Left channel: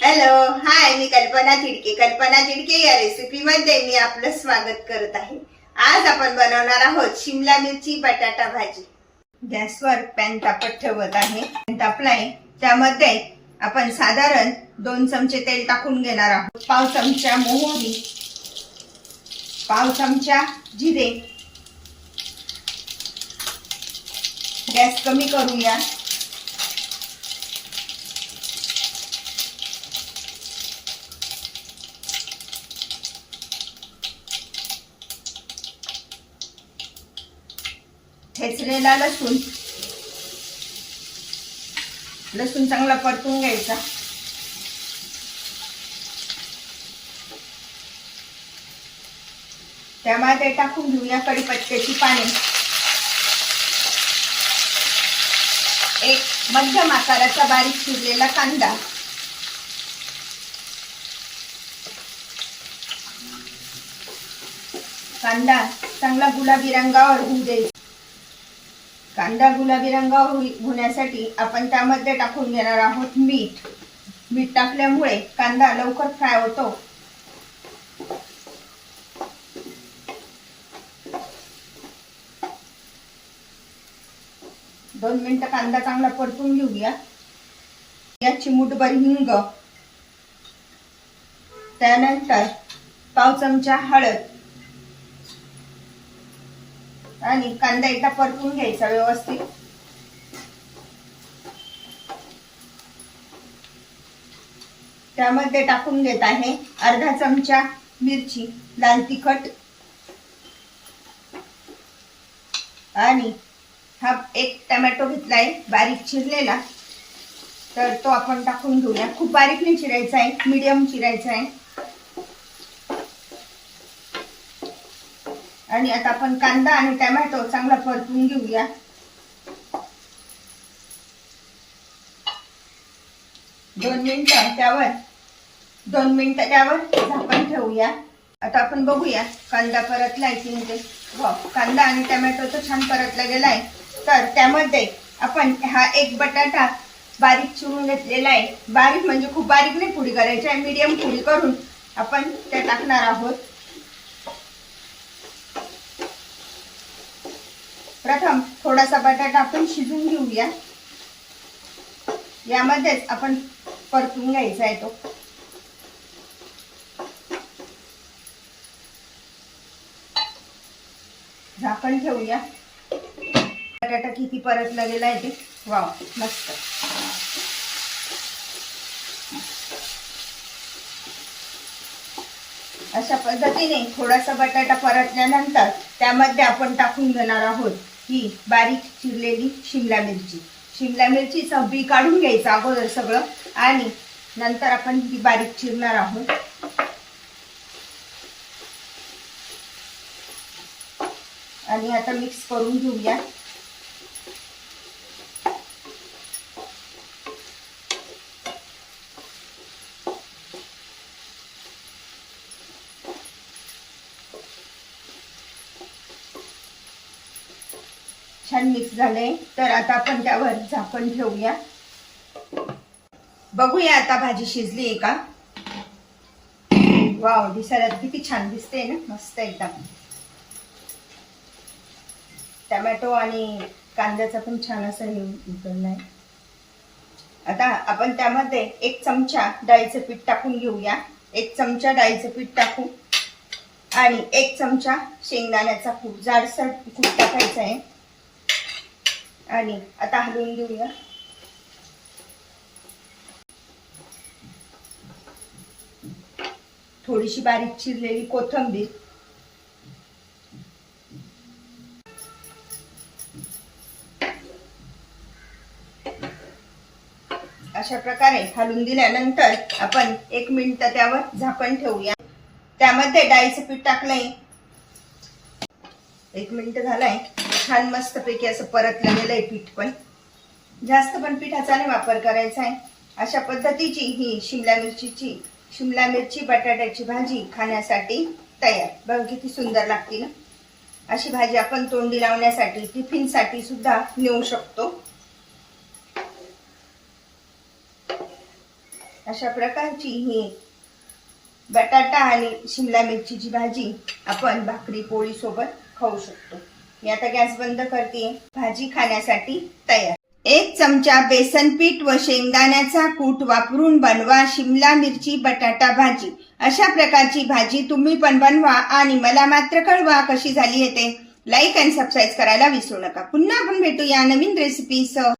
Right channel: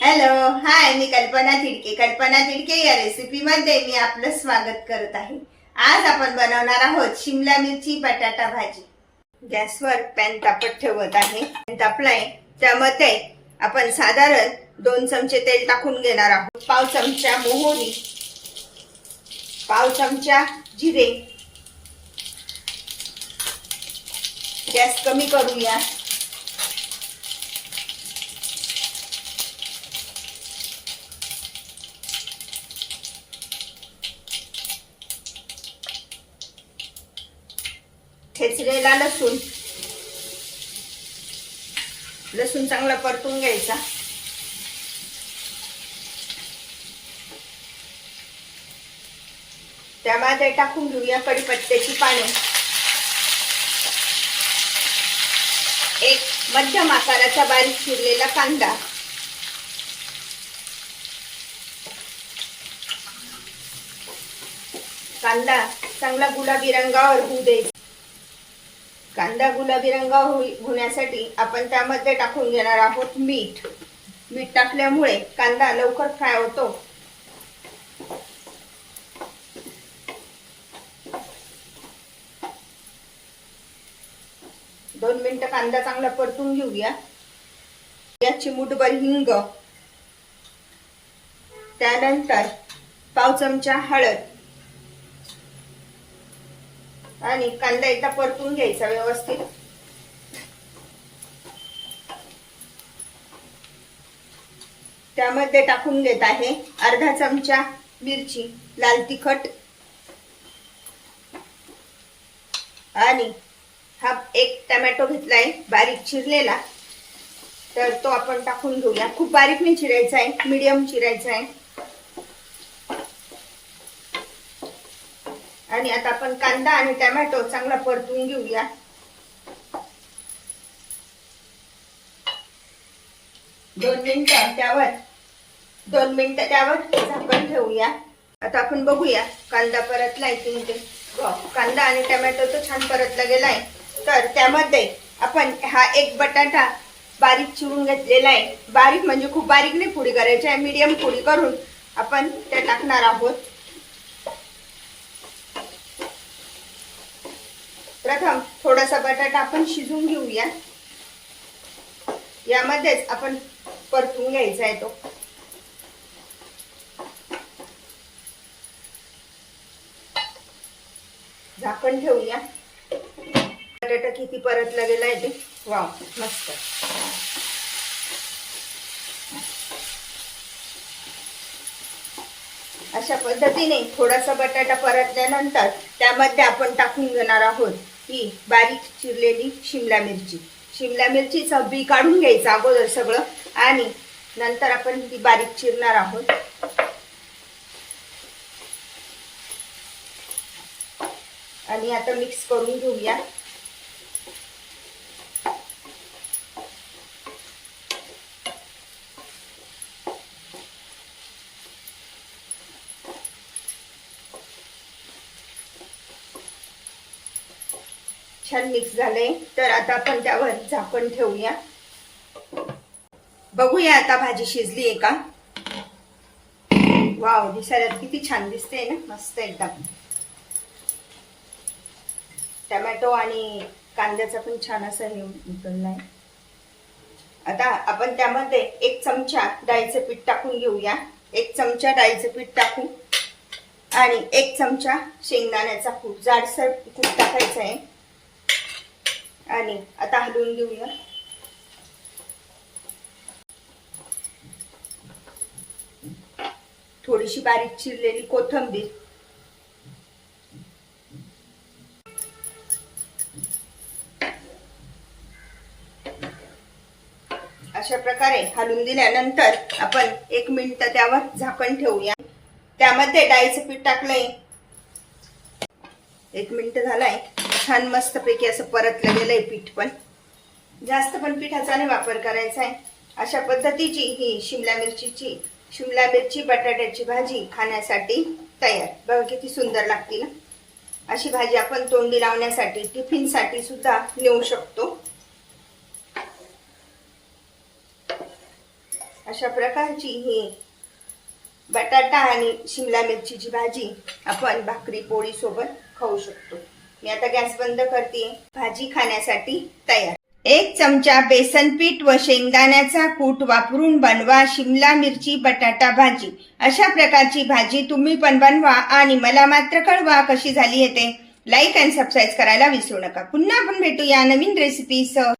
Hello hi मी कल्पना तिडके. कल्पना तिडके या रेसिपी मध्ये मी आपलं स्वागत करत आहे. आज आपण बनवणार आहोत शिमला मिरची बटाटा भाजी. गॅसवर पॅन तापत ठेवत आहे. पॅन तापलाय त्यामध्ये आपण साधारण दोन चमचे तेल टाकून घेणार आहोत. पाव चमचा मोहरी पाव चमचा जिरे. गॅस कमी करूया. ठेचलेला लसूण. लसूण चांगला परतून घ्यायचा. त्यामध्ये टाकून घेऊया कडीपत्त्याची पाने. एक मध्यम आकाराचा बारीक चिरलेला कांदा. कांदा चांगला गुलाबी रंगावर होऊ द्यायचा. कांदा गुलाबी रंग होण्यासाठी आपण त्यामध्ये टाकून घेणार आहोत मीठ. मीठ टाकल्यामुळे कांदा लवकर फ्राय होतो. दोन मिनिटं कांदा चांगला परतून घेऊया. या चिमूटभर हिंग. त्यानंतर पाव चमचा हळद. आणि कांदा एकदा परतून घ्यायचा व्यवस्थित. त्यामध्ये टाकून घेत आहे अर्धा चमचा मिरची लाल तिखट. आणि हा एक टमॅटो घेतलाय बारीक चिरलेला. तर तो आपण टाकून घेऊया. खूप बारीक नाही चिरायचा आहे मीडियम चिरायचा आहे. आणि आता आपण कांदा आणि टमॅटो चांगला परतून घेऊया. दोन मिनिटं त्यावर. दोन मिनिटं त्यावर झाकण ठेवूया. आता आपण बघूया कांदा परतलाय की म्हणजे कांदा आणि टमॅटो तर छान परतला गेलाय. तर त्यामध्ये आपण हा एक बटाटा बारीक चिरून घेतलेला आहे. बारीक म्हणजे खूप बारीक नाही पुडी करायची आहे. मीडियम पुडी करून आपण त्या टाकणार आहोत. प्रथम थोडासा बटाटा आपण शिजवून घेऊया. यामध्येच आपण परतून घ्यायचा आहे तो. झाकण ठेवूया. बटाटा किती परतला आहे ते? वा मस्त. अशा पद्धतीने थोडासा बटाटा परतल्यानंतर त्यामध्ये आपण टाकून घेणार आहोत. ही बारीक चिरलेली शिमला मिरची. शिमला मिरचीचा बी काढून घ्यायचं अगोदर सगळं आणि नंतर आपण ती बारीक चिरणार आहोत. आणि आता मिक्स करून घेऊया. छान मिक्स झालंय. तर आता आपण त्यावर झाकण ठेवूया. बघूया आता भाजी शिजली आहे का? वाव दिसायला किती छान दिसते ना? मस्त एकदम. टमॅटो आणि कांद्याचा पण छान असं हे उकळलाय आता आपण त्यामध्ये एक चमचा डाळीचं पीठ टाकून घेऊया. एक चमचा डाळीचं पीठ टाकू. आणि एक चमचा शेंगदाण्याचा कूट. जाडसर कूट टाकायचा आहे. आणि आता हलवून घेऊया. थोडीशी बारीक चिरलेली कोथंबीर. अशा प्रकारे हलवून दिल्यानंतर आपण एक मिनिट त्यावर झाकण ठेवूया. त्यामध्ये डाळीचं पीठ टाकलंय. एक मिनिट झालाय. छान मस्त पैकी असं परतलं गेलंय पीठ पण. जास्त पण पिठाचा नाही वापर करायचा आहे. अशा पद्धतीची ही शिमला मिरचीची शिमला मिरची बटाट्याची भाजी खाण्यासाठी तयार. बघा किती सुंदर लागते ना अशी भाजी आपण तोंडी लावण्यासाठी टिफिनसाठी सुद्धा नेऊ शकतो. अशा प्रकारची ही बटाटा आणि शिमला मिरचीची भाजी आपण भाकरी पोळी सोबत खाऊ शकतो. मी आता गॅस बंद करते. भाजी खाण्यासाठी तयार. एक चमचा बेसन पीठ व शेंगदाण्याचा कूट वापरून बनवा शिमला मिरची बटाटा भाजी. अशा प्रकारची भाजी तुम्ही पण बनवा आणि मला मात्र कळवा कशी झाली येते लाईक अँड सबस्क्राईब करायला विसरू नका. पुन्हा आपण भेटूया नवीन रेसिपी सह